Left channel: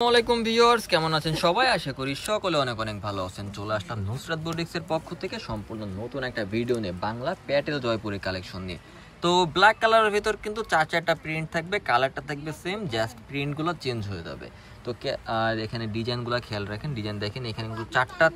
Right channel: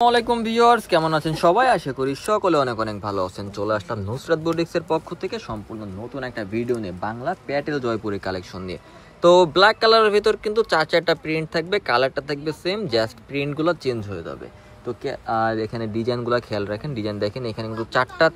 আসসালামু ভিউয়ার্স, কেমন আছেন সবাই? আশা করি সকলে অনেক অনেক ভালো আছেন। চলে আসলাম নুসরাত বুটিক্সের পক্ষ থেকে সম্পূর্ণ নতুন একটা ভিডিও নিয়ে বাংলা প্যাটেল জয়পুরি কালেকশন নিয়ে। তো ব্ল্যাক কালারের ভিতর কিন্তু চারটা প্রিন্ট থাকবে, কালারটা থাকবে সেম, জাস্ট প্রিন্টগুলো চেঞ্জ হয়ে যাবে। তো আর এখানে ডিজাইনগুলো খেয়াল রাখেন, ডিজাইন দেখেন, এখানে কিন্তু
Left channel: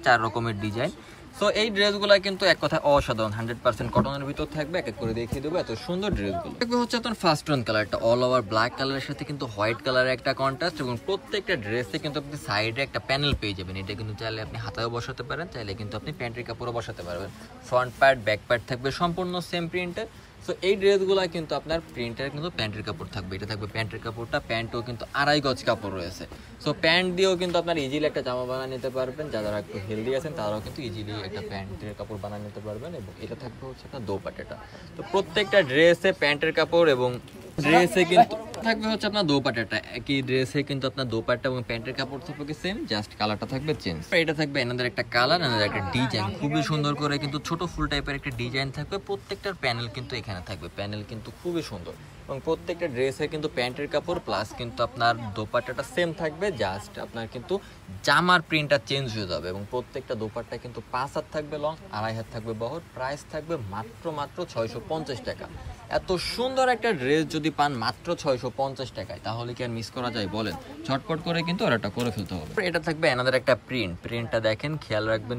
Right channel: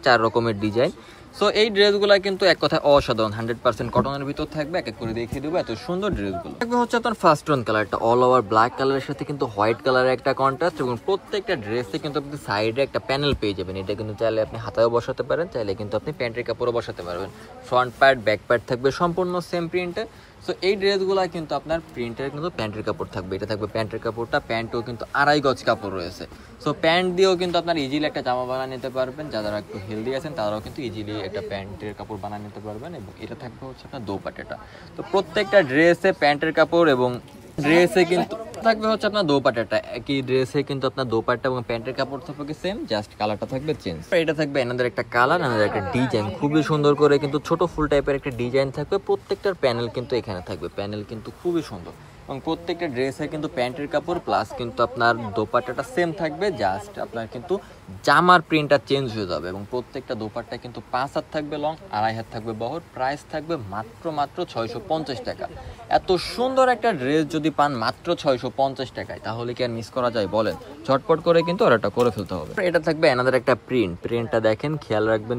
চার রকমের ডিজাইন। সো এই ড্রেসগুলো কিন্তু এক কথায় অসাধারণ, 100% কটনের ভিতর থাকবে। এক এক করে দেখিয়ে দেবো এত সুন্দর ড্রেসগুলো। থাকবে হচ্ছে আপনার ফার্স্ট টোন কালারটা, অল ওভার ব্ল্যাক কালারের সাথে কিন্তু হোয়াইট কালারের একটা কন্ট্রাস্ট, এবং প্রত্যেকটা ড্রেসে কিন্তু আপনি সাইডে একটা প্যানেল পেয়ে যাবেন। এটা কিন্তু চাইলে আপনি হাতায়ও বসাতে পারেন, চাইলে কিন্তু আপনি প্যান্টের কাপড়ও বসাতে পারবেন। ফ্রন্ট পার্ট ব্যাক পার্ট থাকবে সম্পূর্ণ সেম প্রিন্টের। সো এই ড্রেসগুলো কিন্তু আপনার প্রিন্টের কিন্তু প্যান্টের কাপড় থাকবে। এটা থাকবে প্যান্টের কাপড়টা, প্যান্টও কিন্তু 2.5 গজ কাপড় রয়েছে। সো প্যান্ট দিয়েও কিন্তু আপনার ইজিলি একটা জামা বানিয়ে নিতে পারবেন। যারা একটু হেলদি আছেন তারাও কিন্তু ইজিলি একটা প্যান্টের কাপড় বানিয়ে নিতে পারবেন। এবং এটা থাকবে হচ্ছে আপনার দোপাট্টাটা। তো প্রত্যেকটা ড্রেসে প্যান্টের কাপড় এবং ড্রেসে কিন্তু থাকবে হচ্ছে আপনার দোপাট্টাটা। একই ড্রেসে কিন্তু আপনার দোপাট্টা এবং প্যান্টের কাপড় থাকবে সেম, জাস্ট কালারটা থাকবে চেঞ্জ। এটা থাকবে এনাদের একটা কালার, এনাদের একটা ডিজাইন, খুবই সুন্দর করে কিন্তু ছোট ফুল টাইপের একটা ডিজাইন থাকবে। প্রত্যেকটার প্যানেল কিন্তু এখানে থাকবে, প্যানেল কিন্তু খুবই সুন্দর। এবং প্রত্যেকটা ড্রেসে কিন্তু প্যান্টের কাপড় প্লাস কিন্তু আপনার দোপাট্টাটা সেম থাকবে, জাস্ট আপনার কিন্তু জামার প্রিন্টটা চেঞ্জ হয়ে যাবে। এবং প্রত্যেকটা দোপাট্টা কিন্তু 5 হাত থাকবে লং, 2.5 হাত থাকবে বহর। প্রাইস থাকবে মাত্র 650 টাকা। এত সুন্দর একটা ড্রেস যদি পান মাত্র 650 টাকায়, তাহলে কি আর মিস করা যায় বলেন? ঝটপট করে কিন্তু অর্ডারটা করে ফেলতে হবে। এটা থাকবে এনাদের একটা প্রিন্টটা দেখেন, খেয়াল রাখবেন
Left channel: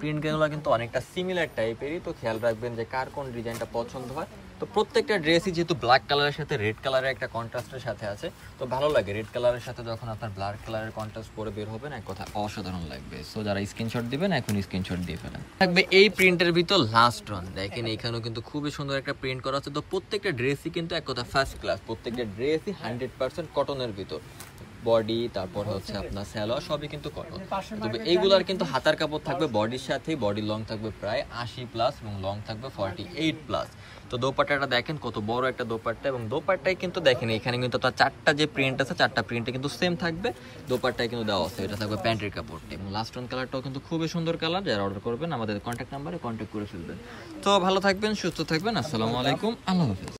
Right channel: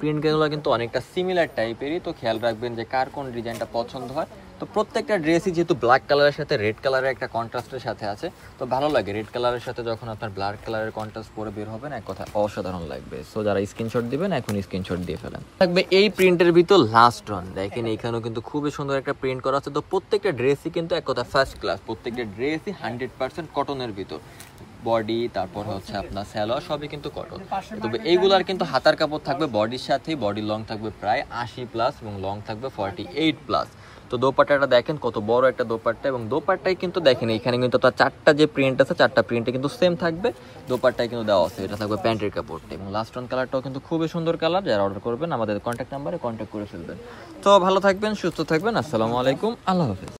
প্রিন্টগুলো কিন্তু অনেকটা সিমিলার টাইপেরই। তো খেয়াল রাখবেন যে কার কোন ডিজাইনটা পছন্দ হয়। তো প্রত্যেকটা ড্রেসই যেহেতু ব্ল্যাক কালারের সাথে রেড কালারের একটা কন্ট্রাস্টের সাথে আছে, তো ভালো লাগে। রেড কালারের সাথে যখন আপনার ব্ল্যাক কালারের কন্ট্রাস্ট পরে বের হবে না, এক কথা অসাধারণ লাগবে। সো যারা স্ক্রিনশট দিবেন এখন স্ক্রিনশট দিয়ে ফেলেন। থাকবে এই প্রিন্টের ভিতর লাস্ট ওয়ান, দেখেন এখানেও কিন্তু খুবই সুন্দর একটা প্রিন্ট করা আছে। তো প্রত্যেকটা ড্রেসই কিন্তু এক কথা ফার্স্ট ক্লাস, প্রত্যেকটা ড্রেসই 100% কটনের ভিতর। বডি তারপর হচ্ছে আপনার সালোয়ার সবই কিন্তু কটন। তবে এইগুলার কিন্তু হাতার কাপড় থাকবে বডির সাথে, বডি লং থাকবে প্রায় 80+ এবং লং থাকবে 48+। তো দোপাট্টাটা দেখেন কত বড় একটা দোপাট্টা, এবং দোপাট্টায় কিন্তু দেখেন এখানে কিন্তু আপনার চারটা যে প্রিন্ট আছে, চারটা প্রিন্টে কিন্তু সেম থাকবে। দোপাট্টায় কিন্তু দেওয়া আছে, এটা থাকবে প্যান্টের কাপড়টা। এবং লাস্ট ওয়ান কালারটাও কিন্তু খুবই সুন্দর কালার। যারা অর্ডার করবেন আমাদের কন্ট্যাক্ট নাম্বারে কন্ট্যাক্ট করে ফেলবেন। তো ভালো থাকবেন, সুস্থ থাকবেন। আসসালামু আলাইকুম, আল্লাহ হাফেজ।